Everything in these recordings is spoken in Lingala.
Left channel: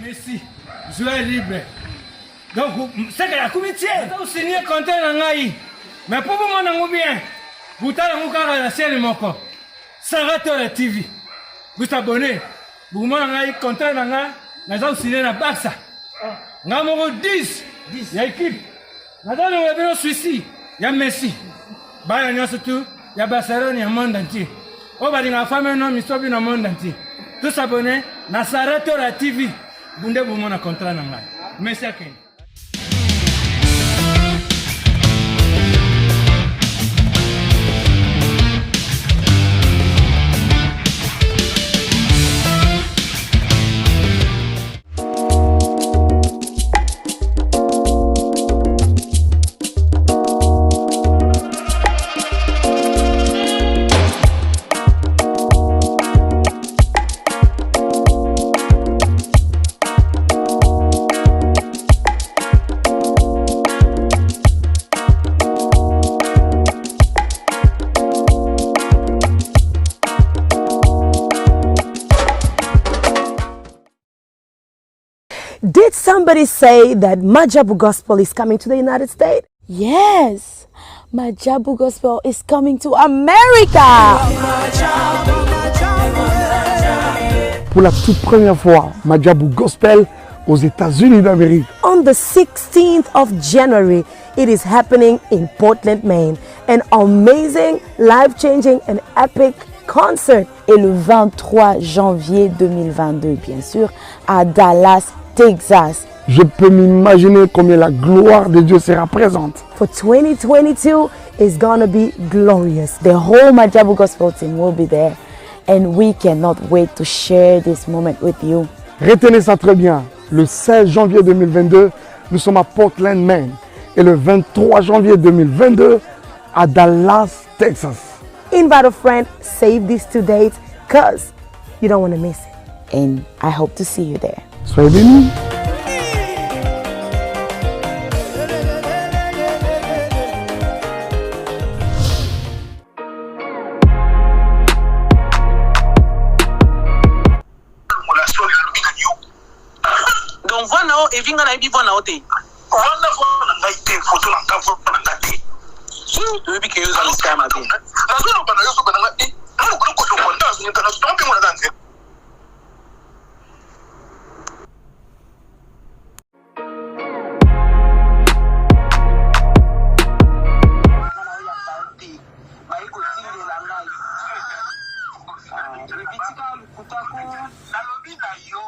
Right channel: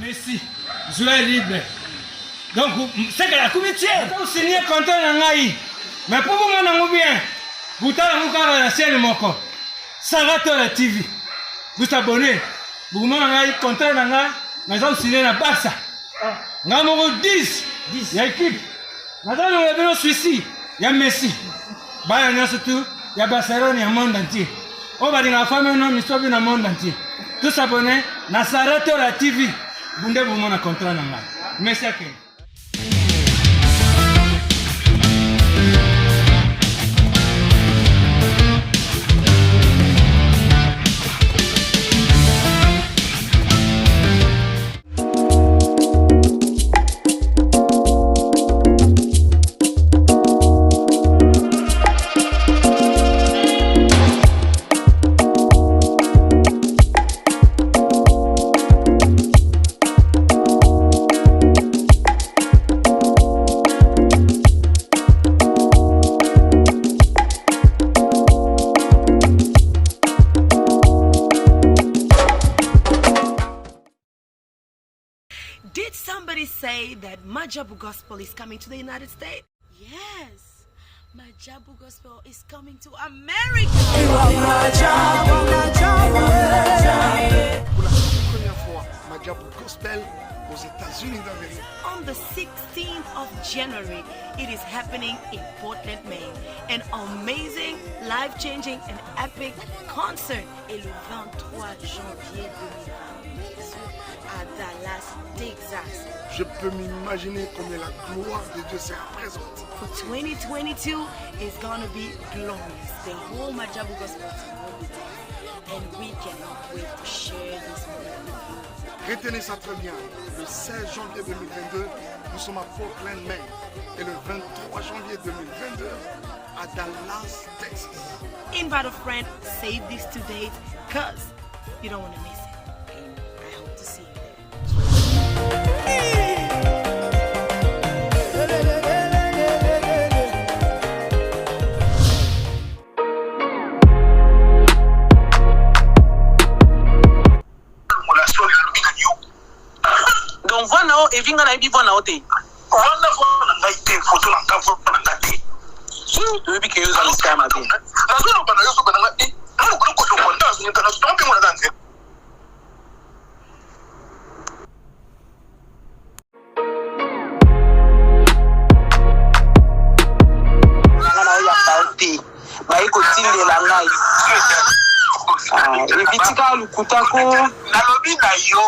Merci. Joie libre. Donc, c'est que la comité, vous signez contrat dans l'AI. Mais pour vous, mon bien, vous avez la chaîne de mon corps. Sarato la TV. Vous abonnez. Vous avez contrat dans l'AI. Nous avons signé la Barça. Nous avons 10. Il y a équipe. Nous avons Suisse. Il y a Messi. Il y a surtout. Il y a Barcelone, il y a le monde entier. On va dire que la famille non, mais dans le monde entier. Tous abonnés. Nous Sarato la TV. Vous avez un contrat dans l'AI. Merci à Ken. Did somebody say that Majabu Gospel is coming to the United States? Yes, Majabu Gospel is coming to America. Pour la toute première fois, Majabu Gospel aux États-Unis d'Amérique. On the 16th of January, it is happening in Portland, Maine. An amazing, life-changing and epic concert. Et le 23 janvier 2022, bien sûr, à Dallas, Texas. Je peux m'imaginer combien la gloire de Dieu sera présente. For 2022, it's gonna be glorious. The whole Majabu Gospel team will be there. And we cannot wait to share this moment with you. Retenez ça très bien. Le 16 janvier 2022, nous sommes à Portland, Maine. Et le 23 janvier 2022, à Dallas, Texas. Invite a friend, save these 2 dates, because you don't want to miss it. And I hope to see you there. Soyez bénis. Donc voilà, et vinga na ibi voilà ote. Voilà voilà na ite photo na kavu na ngati. Tu bi ke yoza na kama bi. Na zo bana yozo bana ngati. Na ko ko so konta so nyaka na so mpi ngona danze. Na ya pauti. Ba iko tinde la ngai. Ebitika lukutako na lobi na yo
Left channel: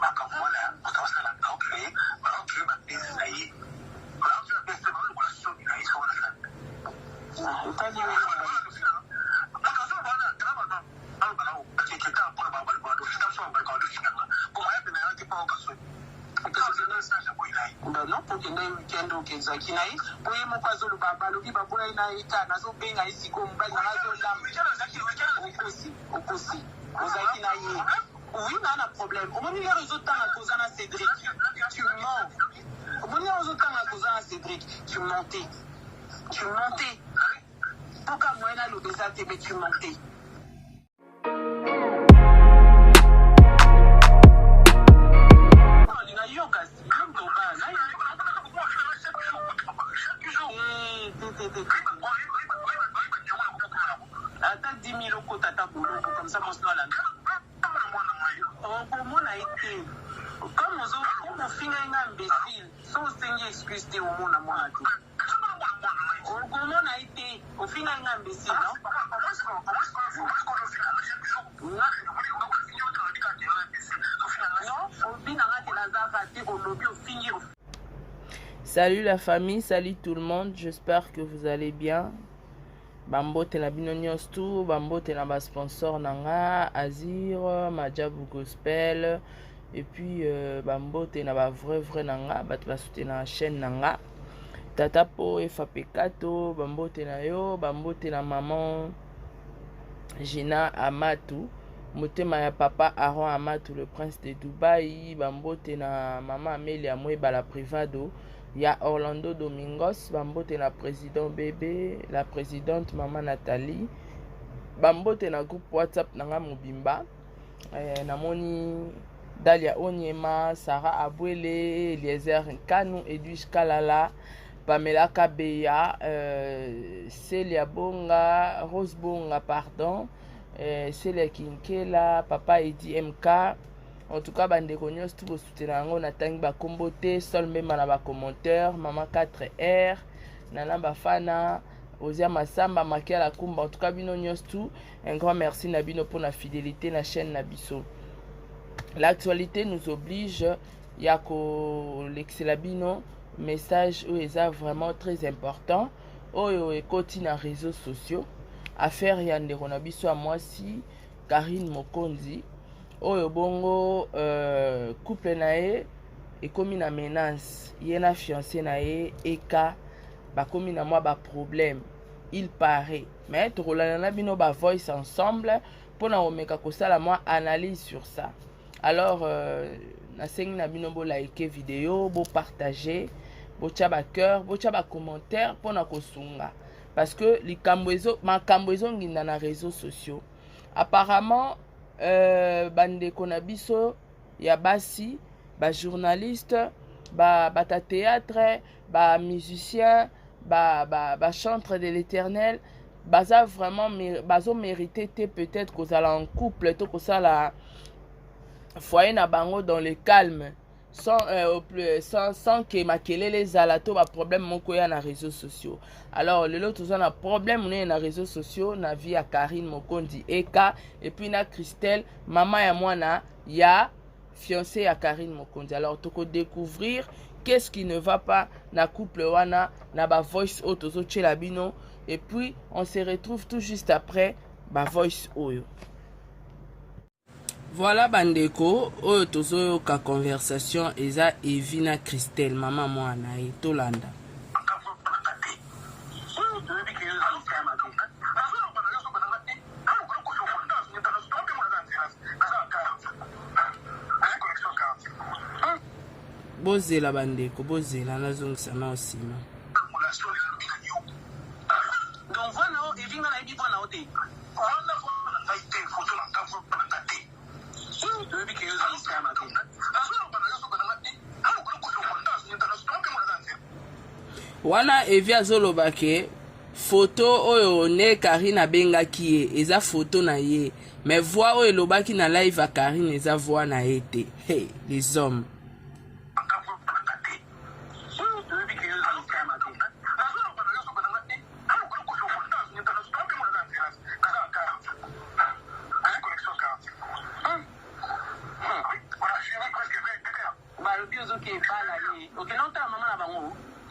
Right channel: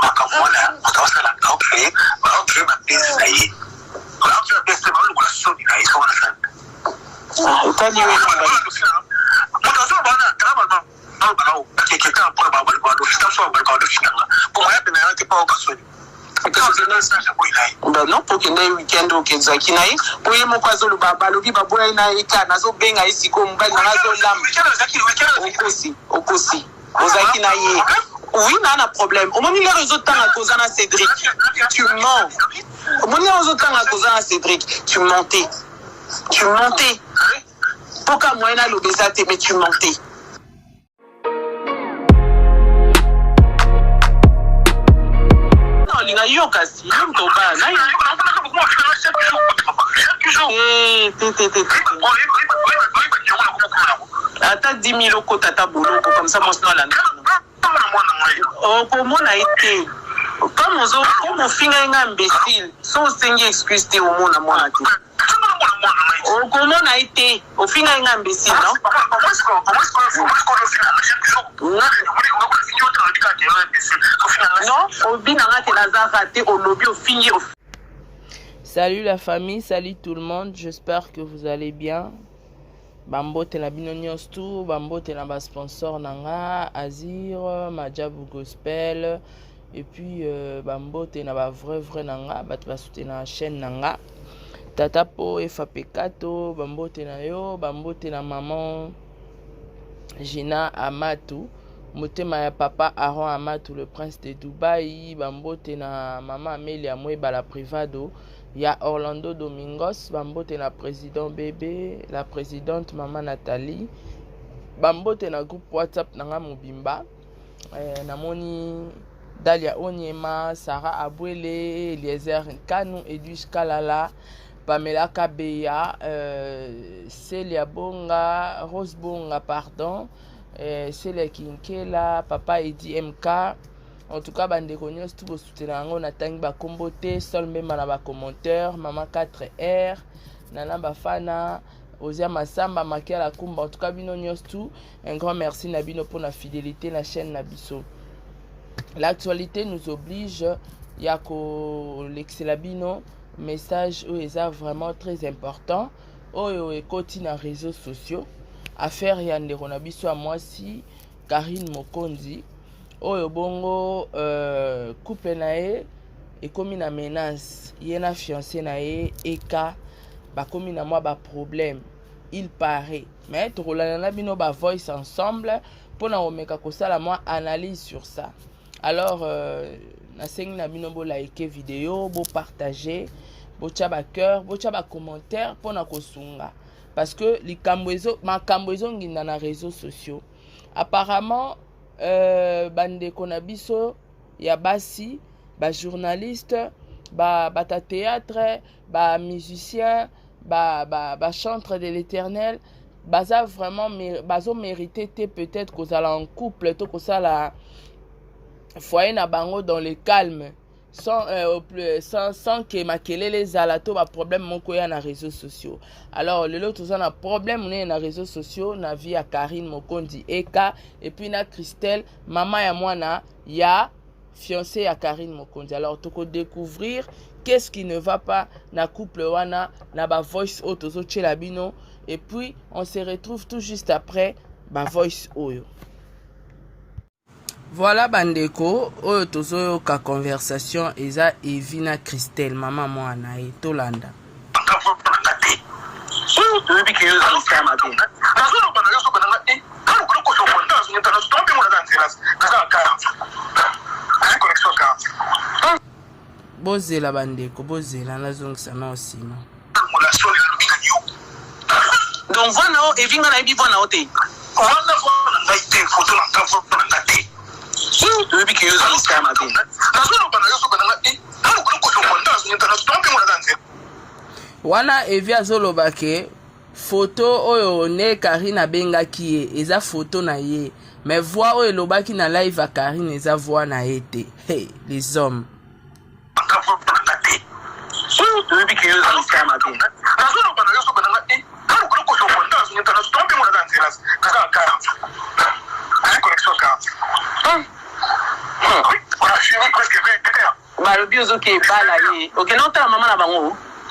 akamona utawasala okay okay mapezi na yeye kwa pesa ba lukula soni na hizo na sana utani wewe mtazo bana kama na bana kekeka kwa baba kwa ndo sitaso baba kwa ndo shinga kwa yapi na yake pa ukasoni non pour que les week-end au Kenzaki naï pour y mon kwazo le baba le baba boy na ika nazo benga ici comme mbali na nazo lam okosi ozaki na ye oui na problème au moment les réseaux temps à cause na Cédric tu mens au moment les réseaux temps à cause na Cédric tu mentais pourquoi moi na l'obésité mais tu mentais. Na yoka si mto ba na ata 10 000 okota ta boloko comme ça monsna la oh comment a été comme ozo comme finga nga imbécile sans sengi excuse te au mona mona te oh comment a été au finga nga imbécile non au binanga te lazara te au lobby au fingi. Salut la famille, salut tout le monde, j'espère que vous allez bien. Bambote na bino nyonso, bambote na ba sponsor nanga Azir, Majabu Gospel et puis bambote na ba vrai nanga bat ba soutenir la chaîne nanga. Tata po FAP4 bambote na yo, bambote na maman Gina Amatou, motema ya papa Aaron Amatou le prince de Dubaï, bambote na maman Amelia Mweba la privado. Il y a Orlando Domingos, bambote na président bébé, la présidente maman Nathalie, bambote na groupe WhatsApp nanga mobimba, namoni Dalia Onyema, Sarah Abwele, Eliezer Nkanu, Edwige Kalala, Pamela Kabeya, Celia Bonga, Rose Bonga, pardon, Celia Kinkela, Papa Edi MK. En tout cas, bande nyonso tout soutenir on atangi ba kombote, sol même na ba commentaire, Maman 4R, Nana Bafana, Ozia Masamba, Makia Kumba. En tout cas, bino nyonso tout, un grand merci na bino pour la fidélité la chaîne Nabiso. L'actualité nous oblige, yako l'excelabino message où est vraiment très important. Oyo ekoti na réseaux sociaux. Affaire yande ronabiso à moi si Karine Mokonzi. Oyo bongo couple nae et comme na menace, yena fiancé nae eka ba comme na moi ba problème. Il paraît. Mais rolana bino ba voice ensemble pour na omeka kosala moi analyse sur ça. Alors, nasengi na bino bo like vidéo, bo partager, bo tchaba cœur, bo tchaba commentaire pour na kosunga. Parce que les makamboezo nginda na réseaux sociaux. Apparemment, bande konabiso ya basi, ba journaliste, ba théâtre, ba musicien, ba chantre de l'Éternel, baza vraiment bazo mérité peut-être qu'on soit en couple, to qu'on soit la foyer na bango dans le calme sans que makele les alato ba problème moko ya na réseaux sociaux. Alors le lot tous na problème on na réseaux sociaux na vie à Karine Mokondi Eka et puis na Christelle maman ya mwana ya fiancé à Karine Mokondi. Alors toko découvrir qu'est-ce qui ne va pas na couple wana na ba voice auto zo tchela bino et puis on se retrouve tout juste après ba voice oyo. Voilà bandeko, oyo tozo ka conversation eza Evina Christelle mama mwana e Tolanda. Bozela bandeko, bozela nazongisa na osima. Donc voilà, Evina na ebi bona ote. Voilà voilà na ite photo na photo na te. Wana evi azoloba ke photo oyo ne Karine abengaki ye eza photo na ye mais voix oyo elobaki na live a Karine eza voix na ye te. Hey, les hommes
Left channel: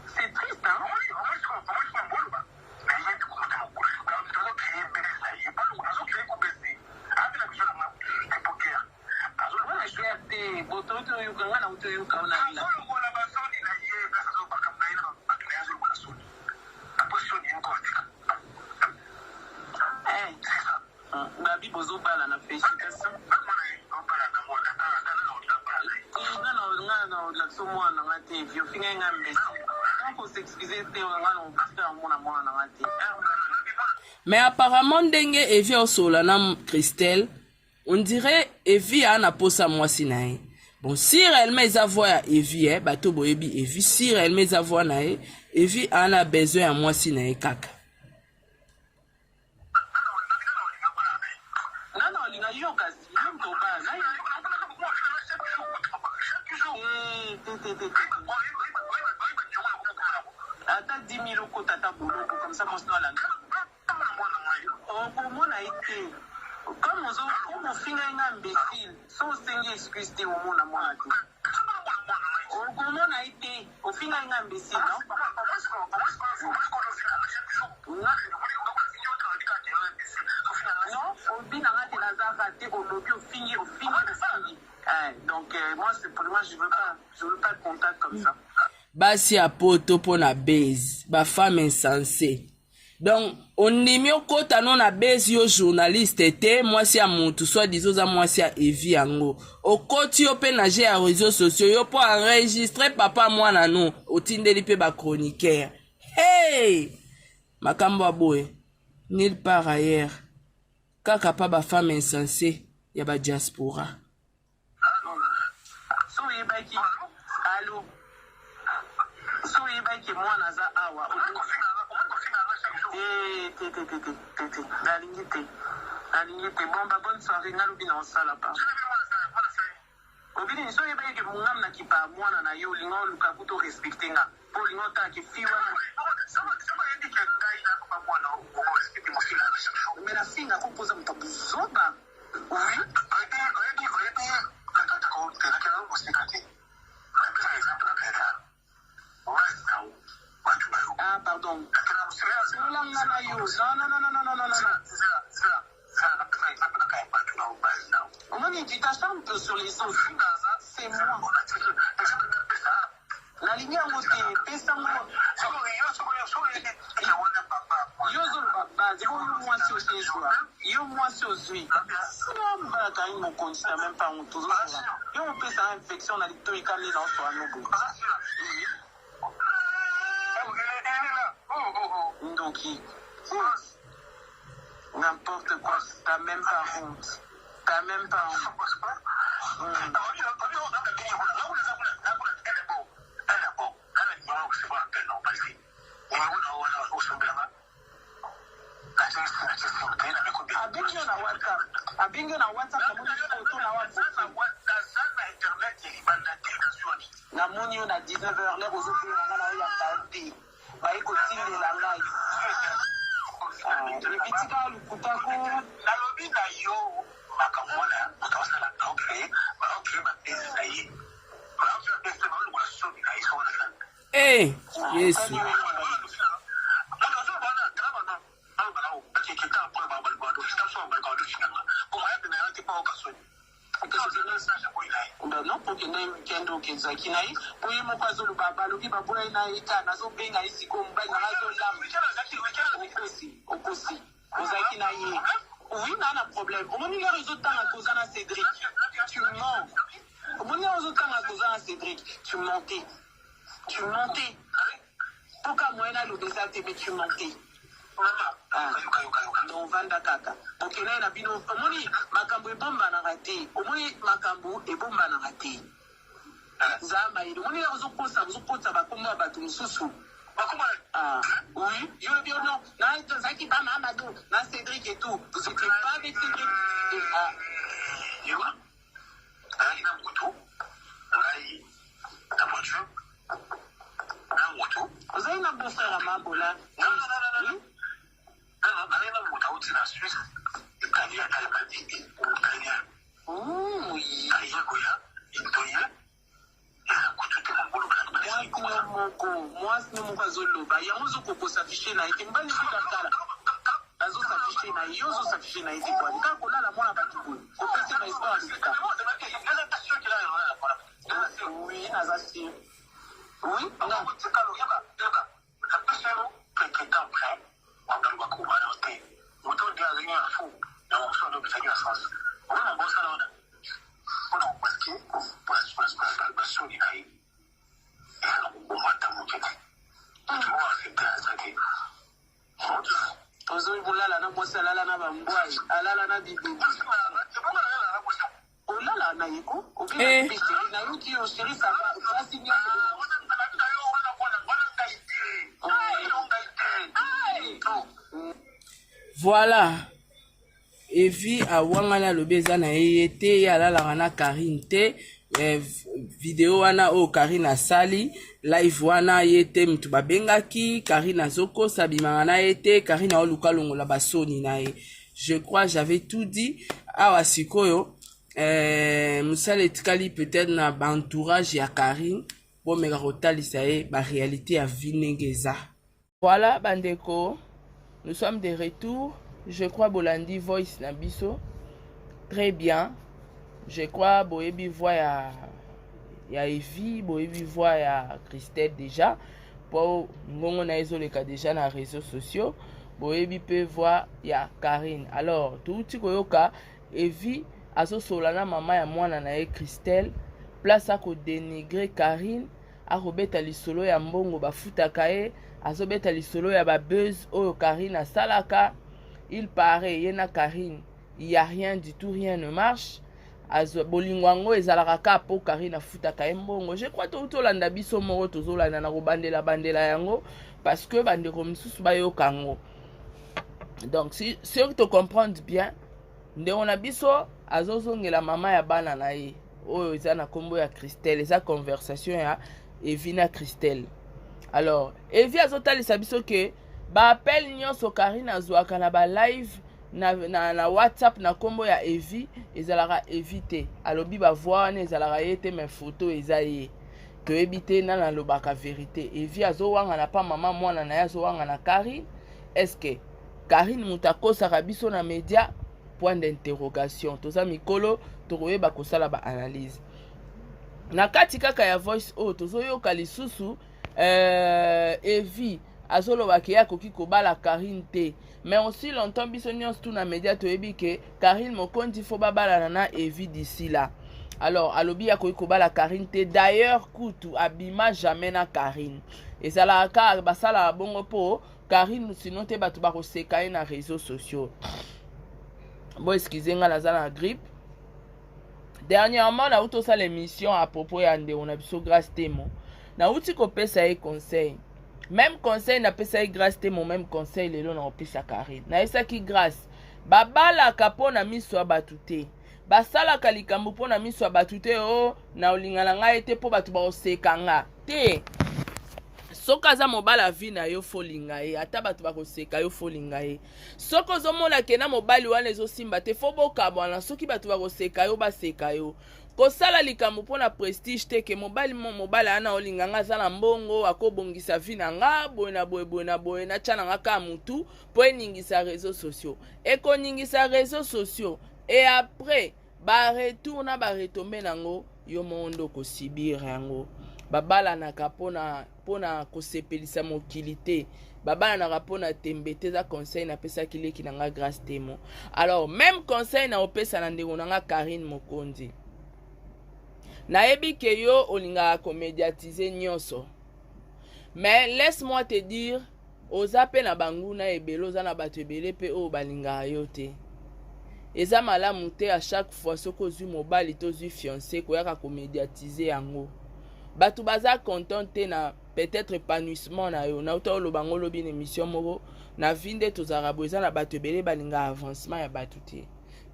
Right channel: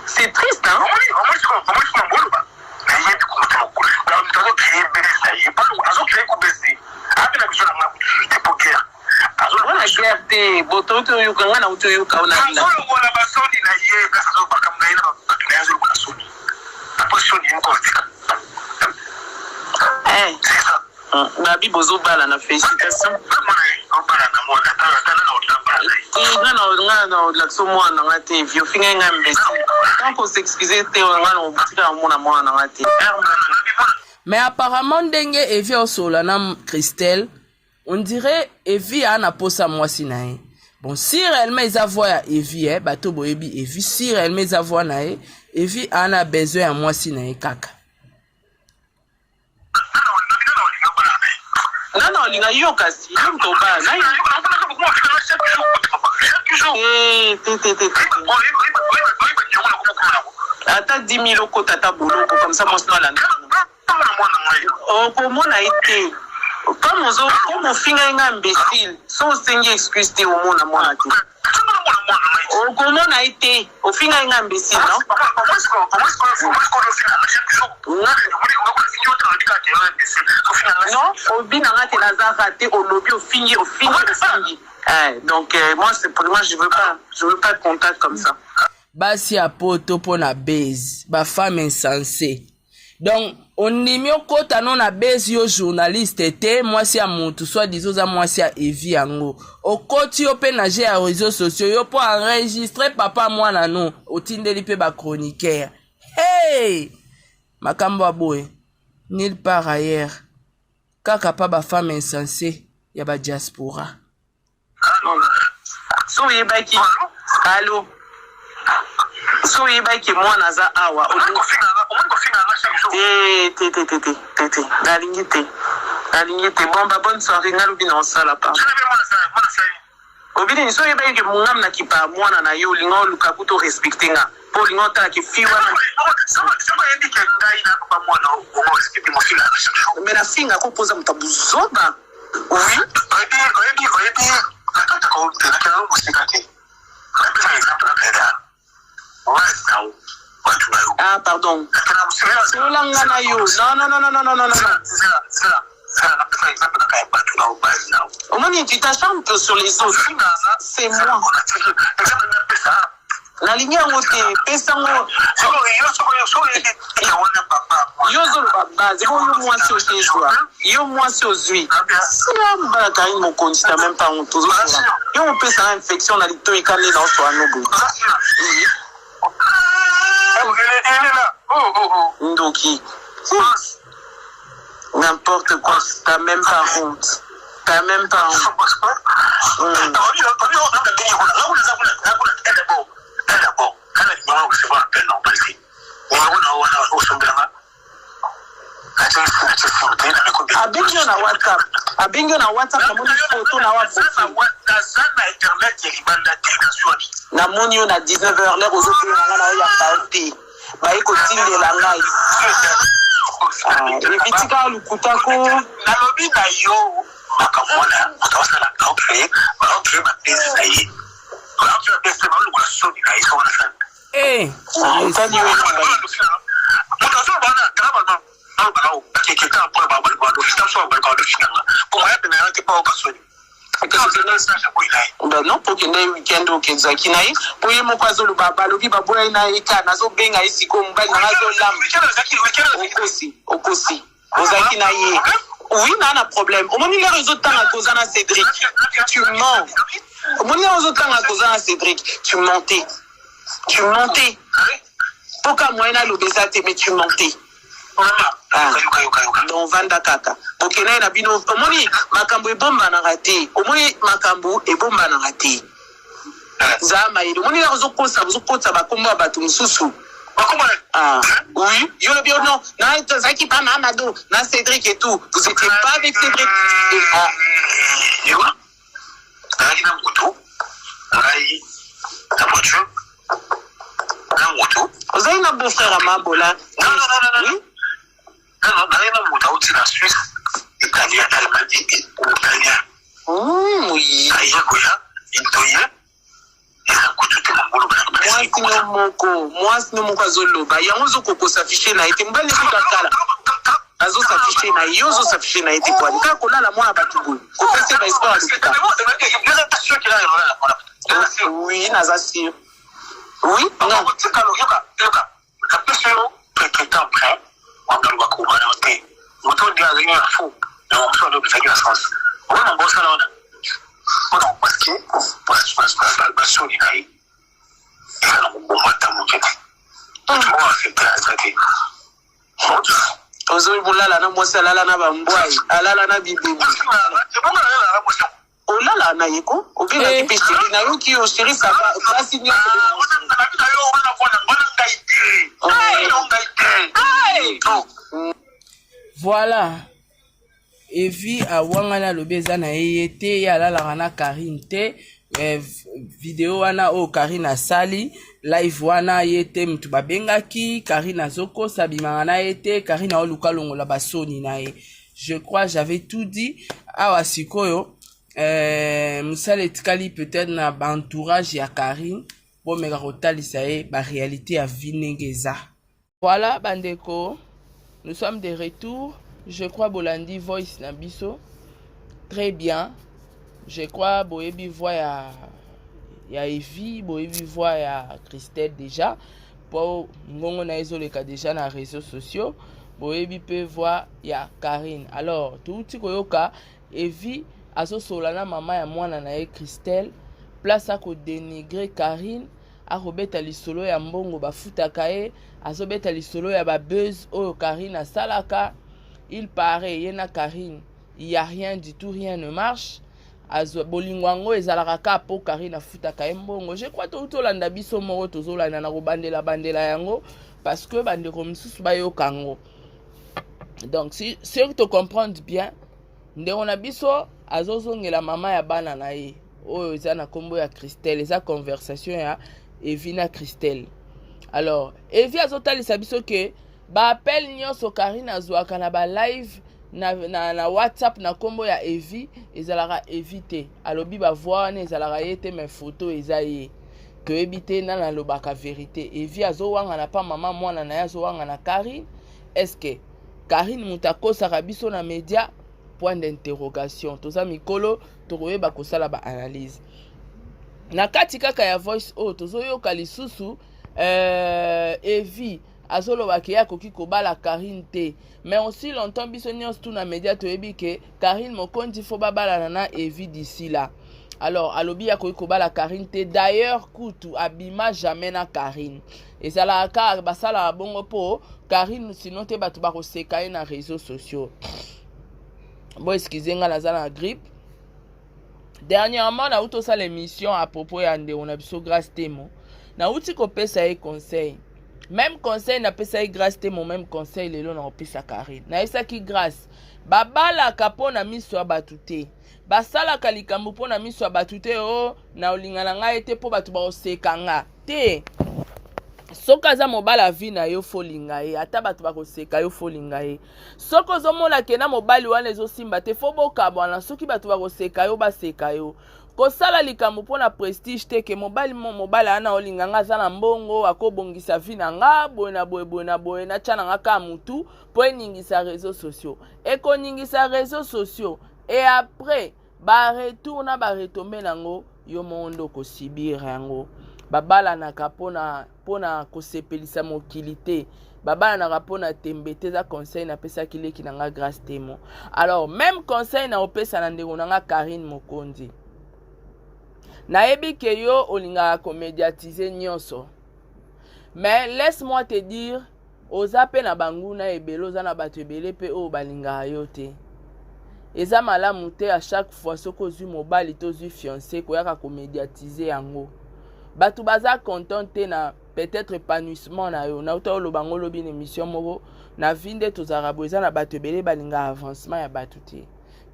c'est triste, hein? Babi bozo bala na félicitation. Mais apparemment ndenge Evi osola na Christelle, on dirait Evi a na posa mwasi na ye. Bon, si réellement ils avoient ya Evi, bato boyebi Evi, si réellement ils avoient na ye, Evi a na besoin ya mwasi na ye kaka. Non, linga yo kasi, yo ba, na yo. Ata 10 000 euros tata boulot comme ça mon snola. Oh pour moi na été. Comme on finit un imbécile, sans sengi excuse te au monde à moi tout. Oh comment on a été, au final un imbécile non? Non, au bina raté la raté au lobby au fini. Donc moi c'est pour moi je veux pas de contact comme ça. Basi a poto pour na base, ba femme insensée. Donc on nimi okota non na base yo journaliste te, moi si a montu soit disons za moi si a Evi yango. Okoti yo pe na à réseaux sociaux yo pour enregistrer papa moi na non, otindeli pe ba chroniqueur. Hey! Makambo aboye. Nulle part ailleurs. Kaka pa ba femme insensée. ya ba diaspora. So yebaki allo so yebaki mwana za awa te nalingi te bomba bonne soirée nalobi na osala pa obili so yebaki mungam na kipa mwana na yo linga oluka kuto respecte nga po linga otala ki fi wana me na finga kopoza mutabuzoba oui ah pardon solanga na yo non omoni tu t'acharnes un peu sur les autres c'est moi la ligne yango te pesango yo zoloba base yo mwasi otejwa yo mwasi ozwi siambala karini mokonzi na même pas honte ozosola yo mopesanga infection na lito ekane na oso anobo ndoki n'importe quoi t'as même pas honte abengio na WhatsApp namoni photo na namoni yo na 19h l'heure ozobenanga na yo ya baote baye kotindela ngai ebitika lukutako nalobi na yo nakamona otawasala kaope bapesi na ye bapesi balukula soni na ye sona sana non pokende weekend okezaki na ye po ye moko azoloba balobi baboyai na ye ka nazobenga ye sikoyo mobali nanga azolamba okosi ozalaki na ye oui na problème omoni lero ezotanga koza na Cédric tu mens omoni lero ezotanga koza na Cédric tu mentais poka moyena alobeza te mais tu mentais donc vanda kaka okena na bino omoni makambo ebombanaka te zama ile omoni la ozokosa bakombo ya bato mosusu oui yo le bien non na zaki pa na Amado na Cédric et tout vous étiez pas avec Cédric yo na moto ngai na voiture na moto ozali na beau-frère à Mabola non dans mon autre la Suisse italien Allemagne italien oui aïe quoi itoye eza kututa mangolo mwasi no moko azoloba yango ozokokosa afishe na ye te mobali ekokakala azosafishe na ye yo ozosafishe na ye te kwani kaka kolala mwana bato boye kopese baesport alobika oui naza sûr oui non ozoi bulala na mwasi alala na bambwai alala na bibebi olala na yeko obengaki mpe sheri na yoki yo sheri saba plasi nyonso voilà evi awangana alobi eza na ye te ye alalaka na Karine te video wana oyo Karine asali live wana ye te mutu babengaki Karine azokosa abimaka na ye te Karine aoluka longola basoni na ye. Je crois j'avais tout dit awa sikoyo mosala etikali peut-être na baentourage ya Karine bomeka kotalisa ye baréalité ya vie ndenge eza. Voilà bandeko, nous sommes de retour. Je crois Bolandi voice na biso très bien. Je crois boyebi voix ya Evie, boyebi voix ya Christelle déjà. Po ngongo na ezoleka déjà na réseaux sociaux. Boyebi pe voix ya Karine. Alors touti koyoka Evie azosolana mama ya mwana na ye Christelle. Place à ko dénigrer Karine, a robeta lisolo ya mbongo bafutaka ye, azobeta lisolo ya ba buzz oyo Karine asalaka. Il paraît yena Karine il y a rien du tout, rien ne marche. Bolingwango ezalaka ka po Karine afuta ka mbongo. Je crois to landa biso moko tozolanda na kobandela bandela yango parce que bandeko misusu bayokango. Donc si tu comprends bien, ndeko na biso azozongela mama ya bana na ye. Oyo eza na kombo ya Christelle, eza conversation ya Evina Christelle. Alors, Evi azotalisa biso ke ba appel nyonso Karine azwaka na ba live na WhatsApp na kombo ya Evi ezalaka éviter. Alobi ba voir na ezalaka yete mes photos eza ye. Que éviter na lobaka vérité. Evi azowanga na pa mama mwana na azowanga na Karine. Est-ce que Karine mutakosa biso na média? Point d'interrogation. Toza mikolo tokoyeba kosala ba analyse. Na kati kaka ya voice tozoyoka lisusu Evi azolobaki ya koki kobala Karine te. Mais aussi longtemps biso nyonso tout na média toyebi ke Karine mokondi fo babala na Evi d'ici là. Alors alobi ya koki kobala Karine te. D'ailleurs kutu abima jamais na Karine. Et ça la ka basala bongo po Karine sinon te batu ba koseka na réseaux sociaux. Bon excusez nga naza na grippe. Dernièrement na uto sa l'émission à propos ya nde on a biso grâce témo. Na uti ko pesa e conseil. Même conseil na pesa e grâce témo, même conseil lelo na opesa Karine. Na esa ki grâce. Babala kapo na miso abatute. Basala kalikambu po na miso abatute o na olingana nga ete po batu ba oseka nga. Te. Soka za mobala vi na yo folinga ye, ata batu bakoseka yo folinga ye. Soko zomona kena mobali wana ezosimba te fo bokabwana soki batu bakoseka yo baseka yo. Kosala likambo pona prestige te ke mobali ana olinga nga za na mbongo akobongisa vi na nga boye na boye na tshana nga ka mutu po eningisa réseaux sociaux. Ekoningisa réseaux sociaux et après ba retourna ba retomber nango yo mondo ko sibir yango. Babala na kapona pona kosepelisa mokilité. Babala na kapona tembete za conseil na pesa kileki na nga grâce témo. Alors même conseil na opesa na ndeko na nga Karine Mokondi. Na ebi ke yo olinga ko médiatiser nyonso. Mais laisse-moi te dire ozape na banguna ebelo za na bato ebele pe o balinga yo te. Eza malamu te à chaque fois soko zui mobali to zui fiancé ko yaka ko médiatiser yango. Batu baza content te na peut-être épanouissement na yo. Na uta lo bango lobi na émission moko na vinde to zarabo eza na bato ebele balinga avancement ya batu te.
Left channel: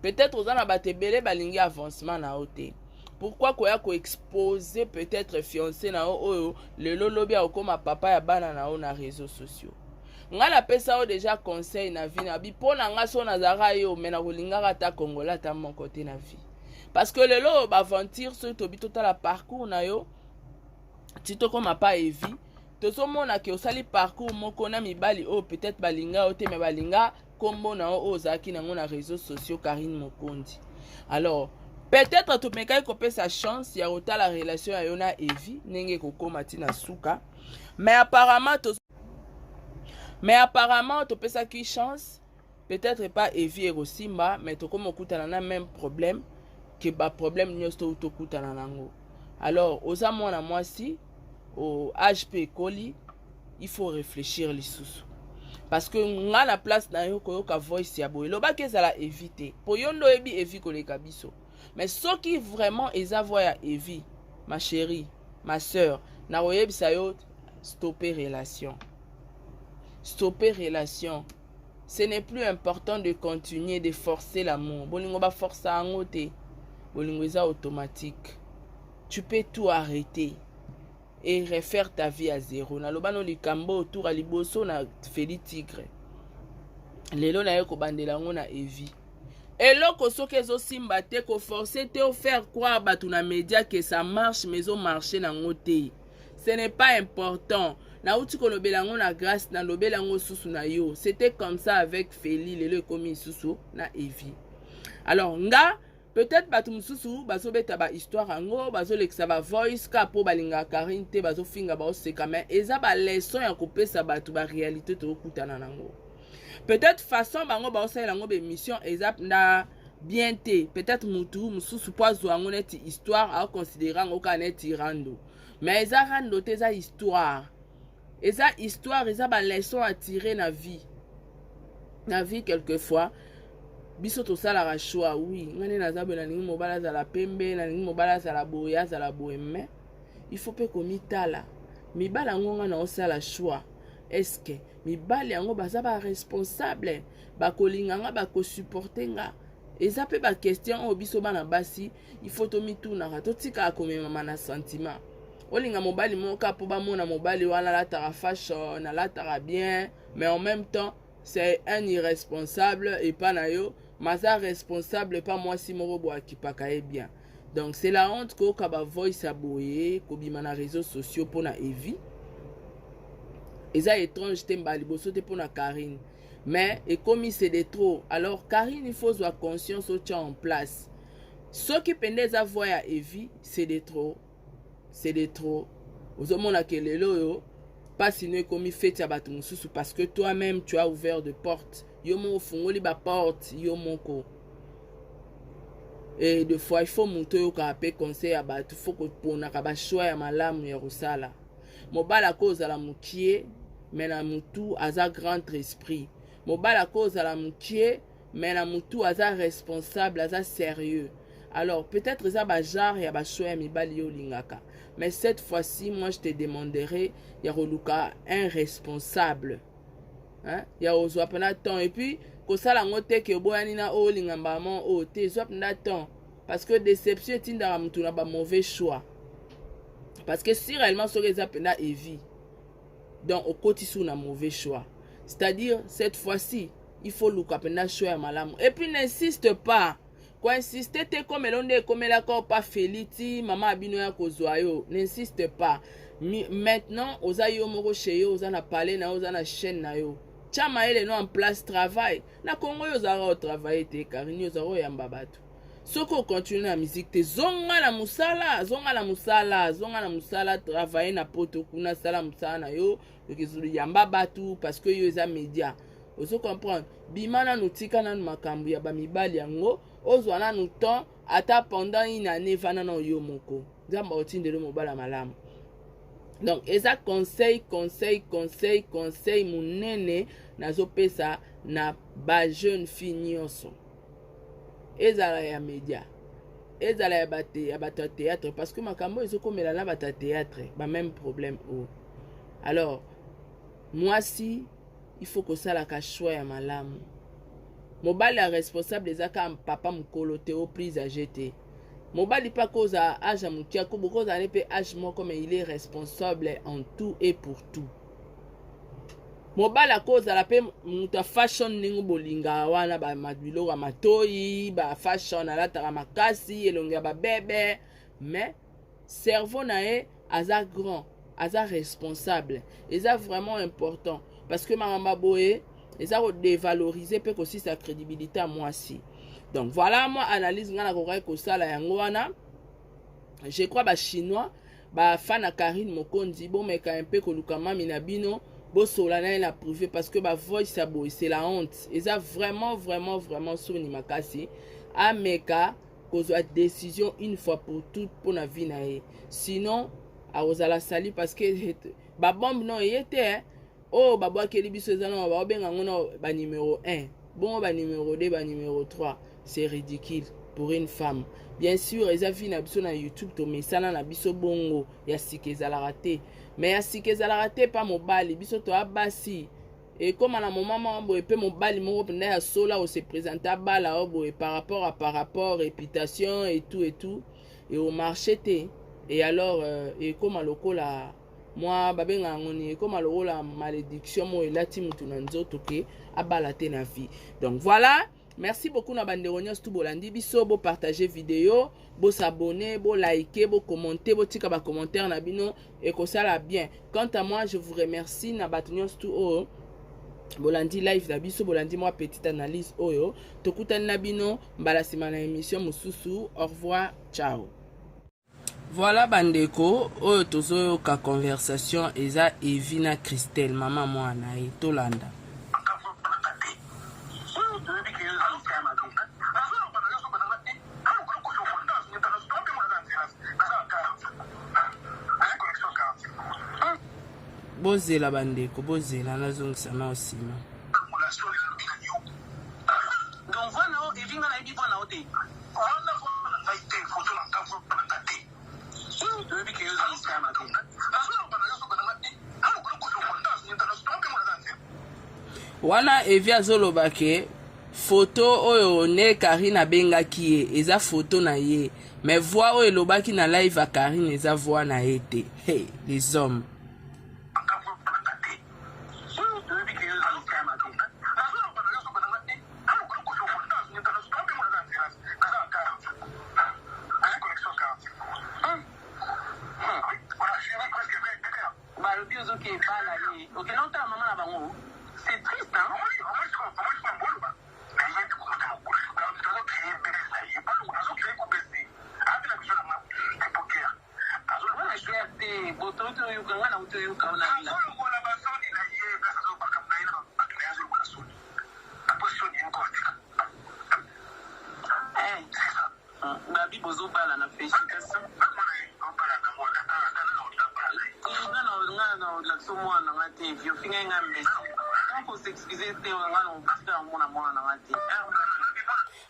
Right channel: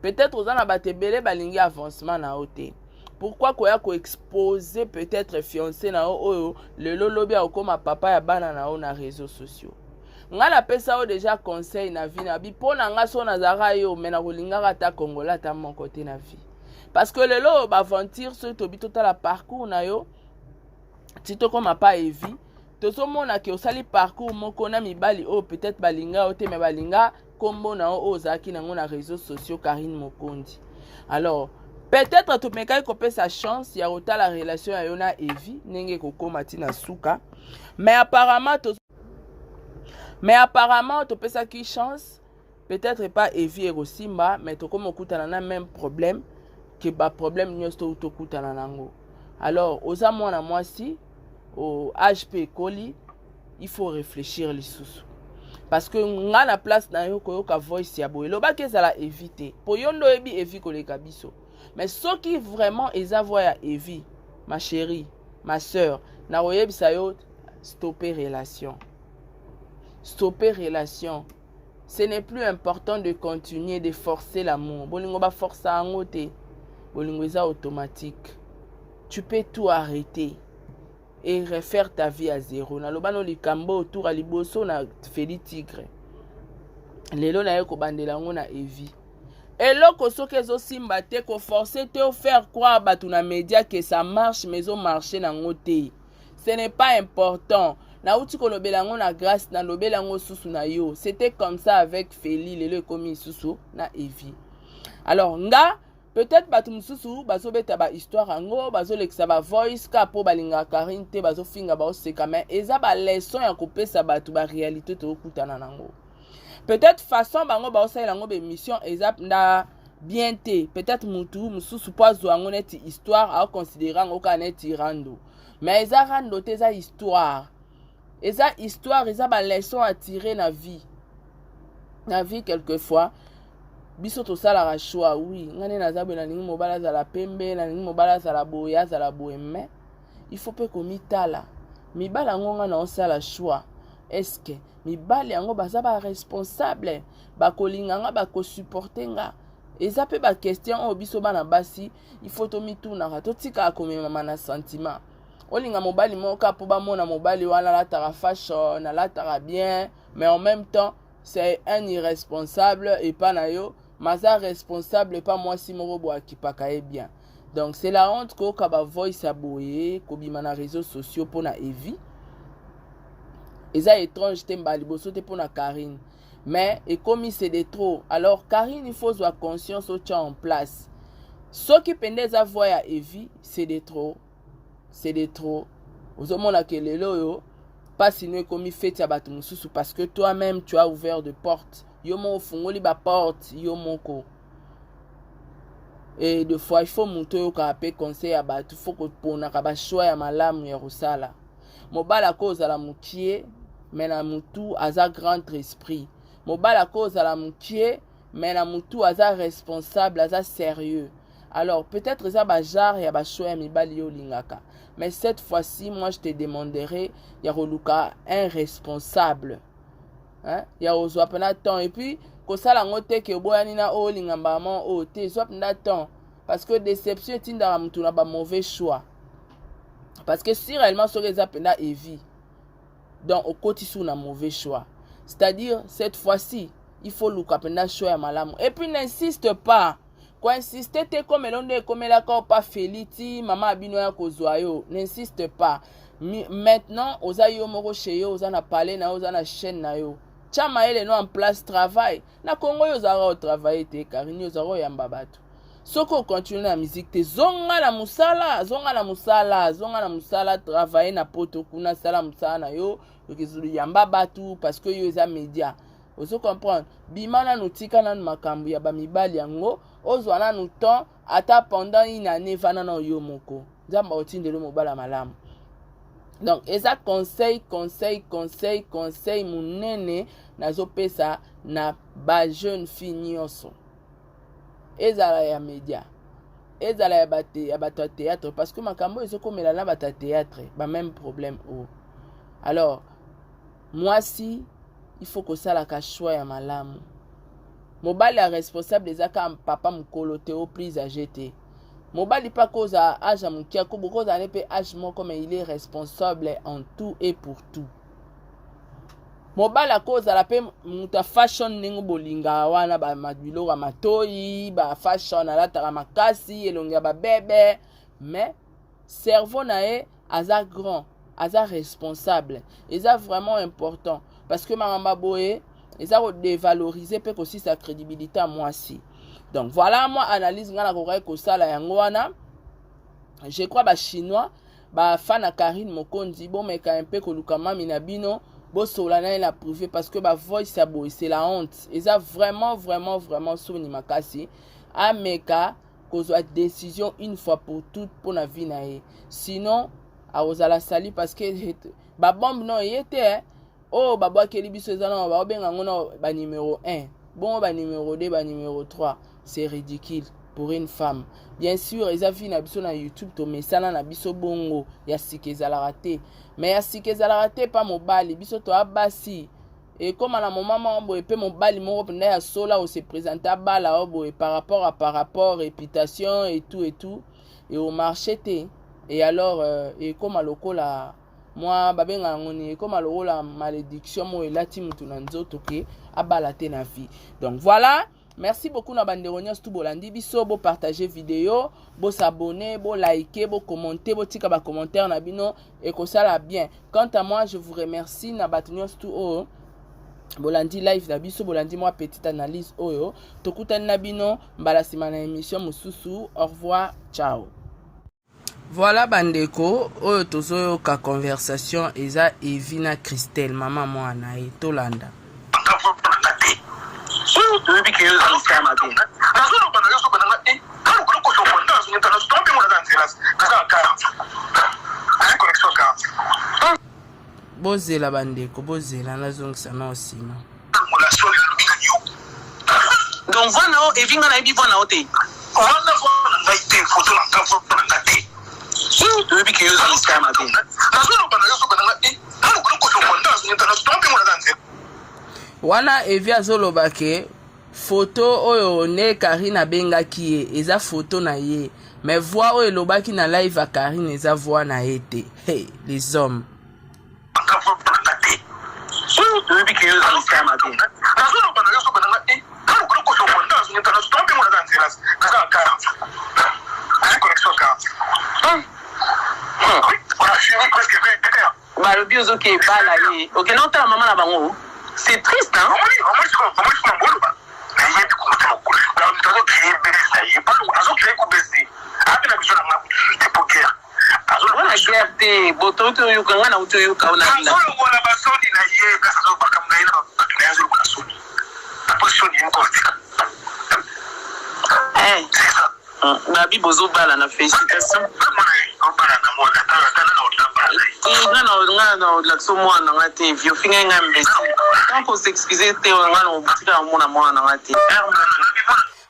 Peut-être oza na bato ebele balingi avancement na yo te. Pourquoi koya ko exposer peut-être fiancé na yo oyo lelo lobi akoma papa ya bana na yo na réseaux sociaux. Nga na pesa o déjà conseil na vie na bi pona nga so na zara yo mena kolingaka ta kongola ta mon côté na vie. Parce que lelo ba aventure so to bi total parcours na yo ti to koma pa Evi tozomona ke osali parcours moko na mibali o peut-être balinga o te me balinga kombo na o ozaki nango na réseaux sociaux Karine Mokondi. Alors peut-être to mekai ko pesa chance ya ota la relation ya yo na Evi nenge kokoma ti na suka mais apparemment to pesa ki chance peut-être pas Evi erosimba mais to komo kutana na même problème que ba problème nyonso to kutana nango. Alors oza mwana mwasi au HP Koli, il faut réfléchir les sous. Parce que nga na place na yo koyoka voice ya boye loba ke zala éviter. Po yondo ebi Evi koleka biso. Mais ce qui vraiment eza voix ya Evi, ma chérie, ma sœur, na oyebisa yo stopper relation. Stopper relation. Ce n'est plus important de continuer de forcer l'amour. Bolingo ba forcer ango te. Bolingo eza automatique. Tu peux tout arrêter et refaire ta vie à zéro. Na lobano likambo autour à liboso na feli tigre. Lelo na yeko bandela ngo na Evi. Eloko soki ezosimba te ko forcer te faire croire batu na média que ça marche mais au marché nango te. Ce n'est pas important. Na uti kolobela ngo na grâce na lobela ngo susu na yo. C'était comme ça avec Feli lelo komi susu na Evi. Alors nga peut-être batu mususu bazo beta ba histoire ango bazo lekisa ba voice ka po balinga Karine te bazo finga ba oseka mais eza ba leçon ya kopesa batu ba réalité to kutana nango. Peut-être façon bango ba osala ngo be mission eza na bien te peut-être mutu mususu poazo ango neti histoire a considérer ngo ka neti rando mais eza rando te eza histoire eza ba leçon à tirer na vie quelquefois. biso tosalaka choix oui ngane nazabe na ningi mobala azala pembe na ningi mobala azala boye azala boye mais il faut pe komitala mibala yango nga na osala choix est-ce que mibala yango baza ba responsable bakolinga nga bakosupporte nga eza pe ba question oyo biso bana basi il faut tomitunaka totika akomemama na sentiment olinga mobali moko po bamona mobali wana alataka fashion alataka bien mais en même temps c'est un irresponsable et pas na yo maza responsable et pas moi si moko bo akipaka e bien donc c'est la honte ko ka ba voice aboye ko bima na réseaux sociaux pona Evi eza étrange te mbali boso te pona Karine mais et comme c'est de trop alors Karine il faut avoir conscience au tient en place ce qui pendait à voir à Evi c'est de trop aux hommes que les loyo pas sinon comme il fait à mususu parce que toi-même tu as ouvert de portes yo mo fungoli ba porte yo moko et de fois il faut monter au capé conseil à batu faut que pona ka ba choix ya malamu ya rosala mobala cause à la mutie mais na mutu aza grand esprit mobala cause à la mutie mais na mutu aza responsable aza sérieux alors peut-être ça ba jar ya ba choix ya mibali yo lingaka mais cette fois-ci moi je te demanderai ya roluka un responsable hein ya ozwa pena temps et puis ko sala ngote ke boyani na o lingamba mon o te zwa pena temps parce que déception tinda mutu na ba mauvais choix parce que si réellement so reza pena Evi donc au côté sous na mauvais choix c'est-à-dire cette fois-ci il faut luka pena choix ya malamu et puis n'insiste pas quoi insister te comme l'onde comme la ko pas feliti mama abino ya kozwa yo n'insiste pas maintenant oza yo moko chez yo oza na parler na oza na chaîne na yo chama ele no en place travail na Congo yo zara au travail te Karine yo zara yamba batu soko continue na musique te zonga na musala travailler na poto kuna sala musala na yo yokezulu yamba batu parce que yo za média ozo comprendre bimana nutika na makambu ya bamibali yango ozwa na nu temps ata pendant une année vana na yo moko nzamba otindelo mobala malamu donc eza conseil munene nazopesa na ba jeune fille nyonso ezala ya média ezala ya bato théâtre parce que makambo ezokomela na bato théâtre ba même problème o alors moi si il faut que ça la choix ya malamu mobali ya responsable ezaka papa mukolo te au prise à jeter mobali pas cause à âge mukia ko beaucoup za nepe âge moko mais il est responsable en tout et pour tout mobali à cause à la pe muta fashion ningo bolinga wana ba mabilo ga matoi ba fashion ala tara makasi elonga ba bébé mais cerveau nae aza grand aza responsable eza vraiment important parce que mama boye eza ko dévaloriser pe aussi sa crédibilité à moi si. Donc voilà moi analyse ngana ko sala yango wana. Je crois ba chinois ba fana Karine Mokonzi bon mais quand un peu ko lukama minabino bo solana la privé parce que ba voice ça boy c'est la honte. Eza vraiment soni makasi ameka ko zo décision une fois pour toutes pour na vie na ye. Sinon a ozala sali parce que ba bombe non yete oh baba keli biso ezana ba benga ngona ba numéro 1 bon ba numéro 2 ba numéro 3 c'est ridicule pour une femme bien sûr eza vi na biso na YouTube to mesala na biso bongo ya sikezala raté mais ya sikezala raté pas mobali biso to abasi et comme na maman bo epé mobali moko penda ya sola o se présenter bala obo par rapport réputation et tout et au marché té et alors et comme lokola moi babenga ngoni comme la malédiction mo elati mutu na nzoto ke abalate na vie. Donc voilà, merci beaucoup na banderonias tout bolandi biso bo partager vidéo, bo s'abonner, bo liker, bo commenter, bo tika ba commentaire na bino et ko sala bien. Quant à moi, je vous remercie na batunios tout o bolandi live na biso bolandi moi petite analyse oyo tokutani na bino mbala sima na émission mususu. Au revoir, ciao. Voilà bandeko oyo tozo ka conversation eza Evina Christelle mama mwana e tolanda bozela bandeko bozela nazongisa na osima Donc voilà, et vinga na ebi voilà ote. On va voir une photo dans ta photo dans ta tête. Tu veux que yo ça scam abi. Wana Evi azoloba ke photo oyo ne Karine abengaki ye eza photo na ye. Mais voix oyo elobaki na live à Karine eza voix na ye te. Hey, les hommes. C'est triste, hein? Babi bozo bala na félicitation.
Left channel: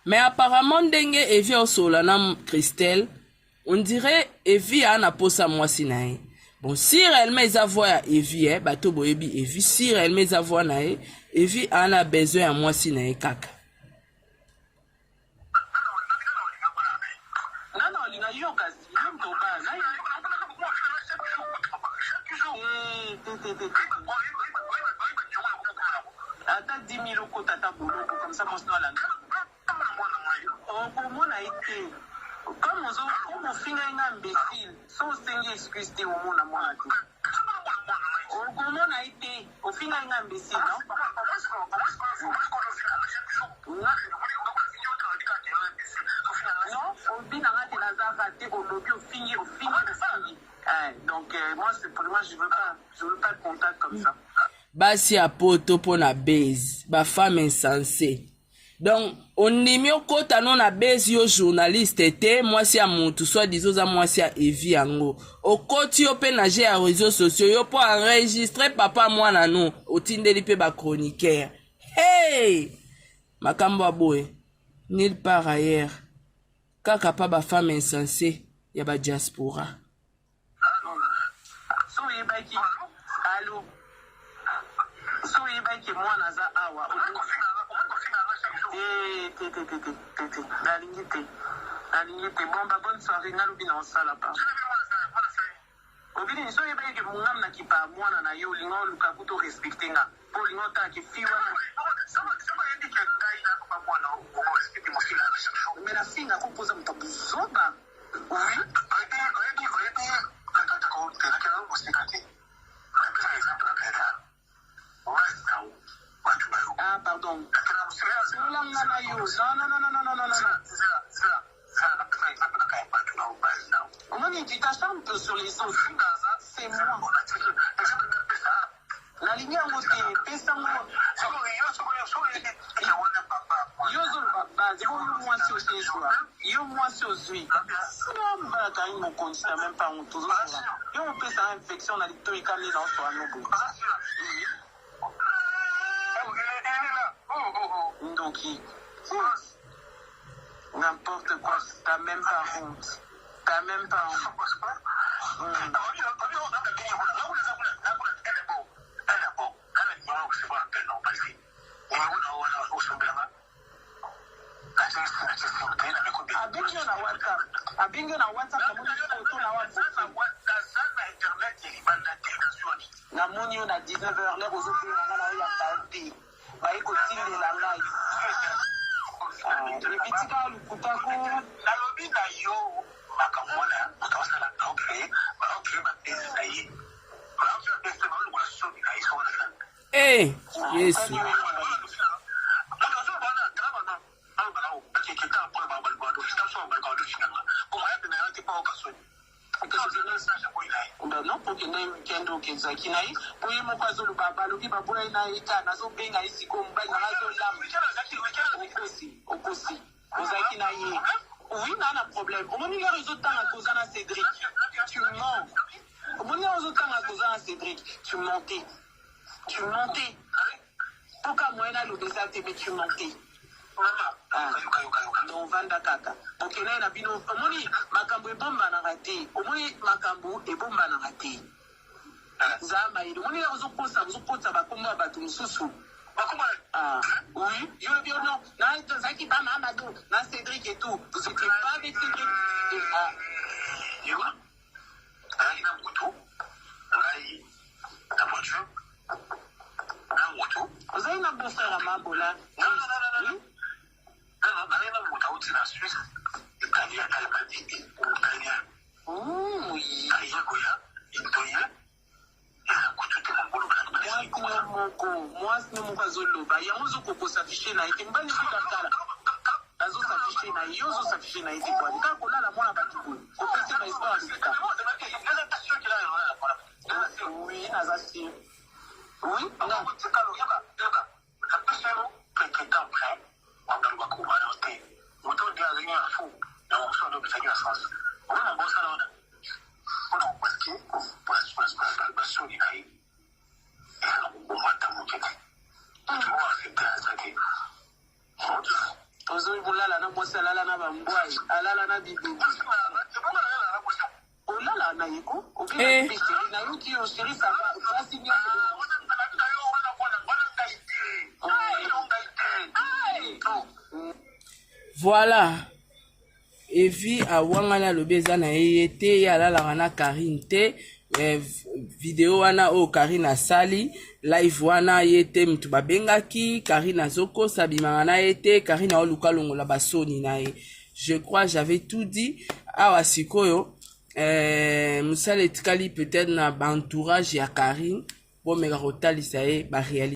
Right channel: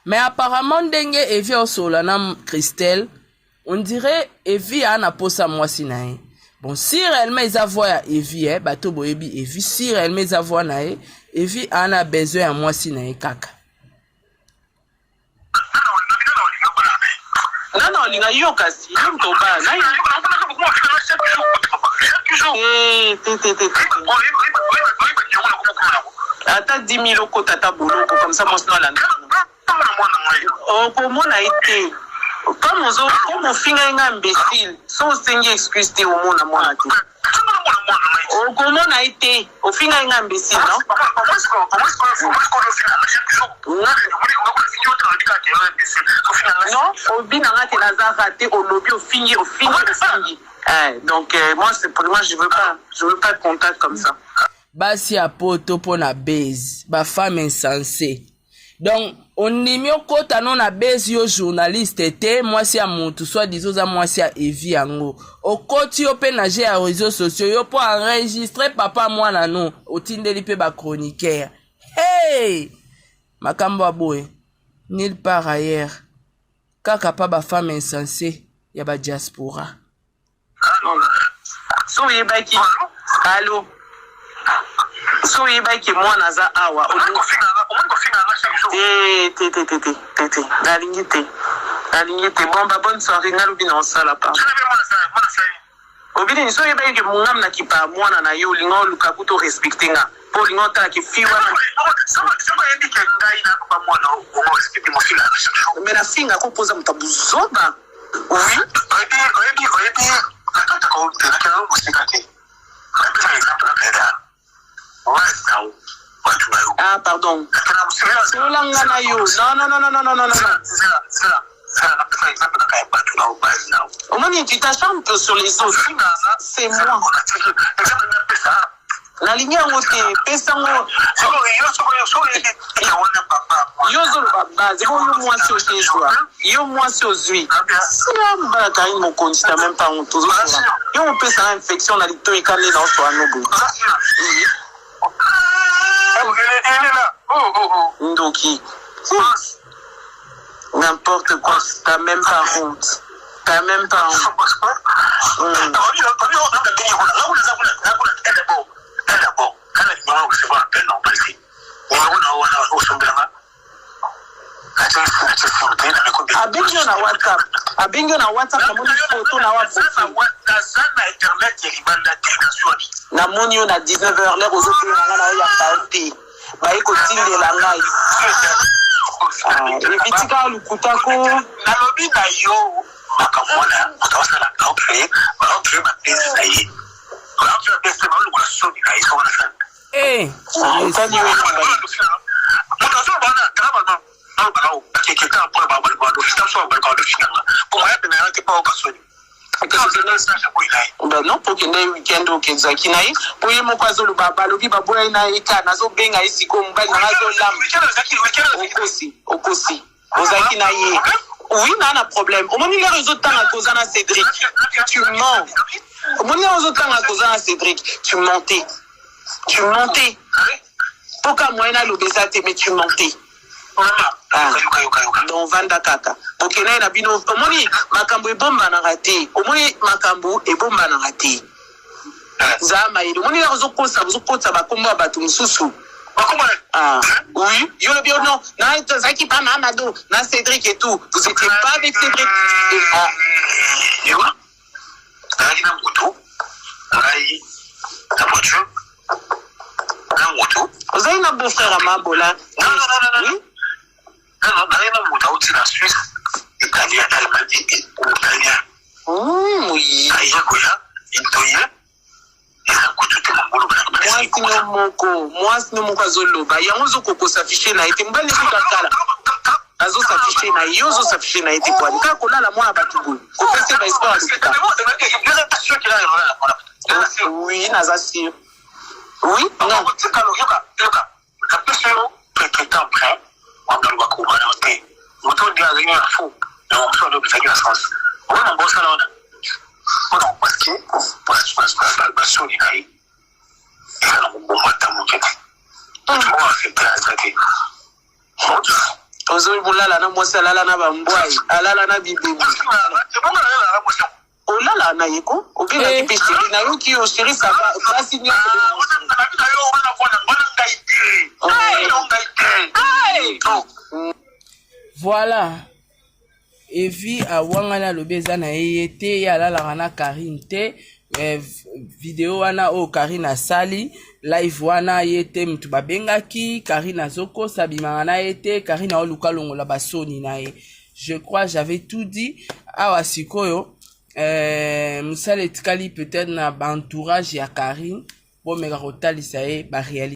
Mais apparemment ndenge Evi osola na Christelle, on dirait Evi a na posa mwasi na ye. Bon, si réellement ils voient ya Evi, bato boyebi Evi, si réellement ils voient na ye, Evi a na besoin ya mwasi na ye kaka. Non, il y a eu kasi, Ata 10 000 euros tata boulot comme ça moi sinon la. Oh comment a été comme on finit un imbécile sans sengi excuse te au monde à moi là. Oh comment a été au finit un imbécile non? Non, au bin a été Lazare raté au lobby au finir. Donc moi c'est pour moi je veux pas de contact comme ça. Basi a poto po na base, ba femme insensée. Donc on nimio kota non na base yo journaliste te, moi si a mutu soit disons à moi si a Evi yango. O koti yo pe na je a réseaux sociaux yo po enregistrer papa moi na no, o tindeli pe ba chroniqueur. Hey! Makambo aboye. Nulle part ailleurs. Kaka pa ba femme insensée, ya ba diaspora. So yebaki. Allô. So yebaki moi naza awa. Nalingi bon ba bonne soirée ngalobi na osala pa. Obili so yebaki mungam na kipa mwana na yo lingo lukaku to respecter nga. Po lingo ta ki fiwa. Mais la fille a composé mon tabouzoba. Oui. Ah, pardon. Non. Au moins, tu t'acharnes un peu sur les autres. C'est moi. La ligne a ôté. Pessango. Yozo baba, c'est bon, moi sur chez toi. Yo moi sur lui. Si la bataille mon compte, c'est même pas honte. Yo on peut ça infection dans les deux et calé dans soi no. Ndoki. N'importe quoi, t'as même pas honte. T'as même pas honte. Abingo na WhatsApp na moni photo na WhatsApp na moni on a 19h l'air aux autres na ya party ba iko tinde la ngai evitika lukutako na lobi na yo makamona utawasa la okay ba pesa hii kwa pesa ba lukula soni na hizo wana sana tani wewe non pour que les week-end au Kenzaki naï pour y mon kwazo le baba le biba boy na ika nazo benga ici comme mbali nazo lam okosi ozaki na ye oui na problème au moment les réseaux temps à cause na Cédric tu mens au moment les réseaux temps à cause na Cédric tu mentais pourquoi moi na l'obésité mais tu mentais donc vanda kaka okena na bino omoni makambo ebomba na rate omoni makambo ebomba na rate zama ile omoni zokosa bakomba bato mususu oui yo le bien non na Zaki pas Mamadou na Cédric et tout vous étiez pas avec Cédric et voilà na moto ngai na voiture na moto vous avez un beau frère à Mabola non ngai na moto au na Suisse italien italien oui aïe koya intoya moi si moko azoloba yango zokoko s'afficher na ete mbali kokakala azo s'afficher na yo zo s'afficher na ete kwa nika kolala mwana bato boye kopesa ba histoire de oui naza sûr oui non ozo bulala na mwasi alala na bambwai alala na bibebi olala na yeko obina kipeshiri na yo ki oshiri saba kasi ni voilà evi awangana lobeza na yete ya alala na Karine te video wana o Karine asali live wana yete mtu babengaki Karine azoko sabimanga na yete Karine oluka longola basoni na ye. Je crois j'avais tout dit awa sikoyo musale etikali peut-être na entourage ya Karine bo meka kotalisa ye ba réalité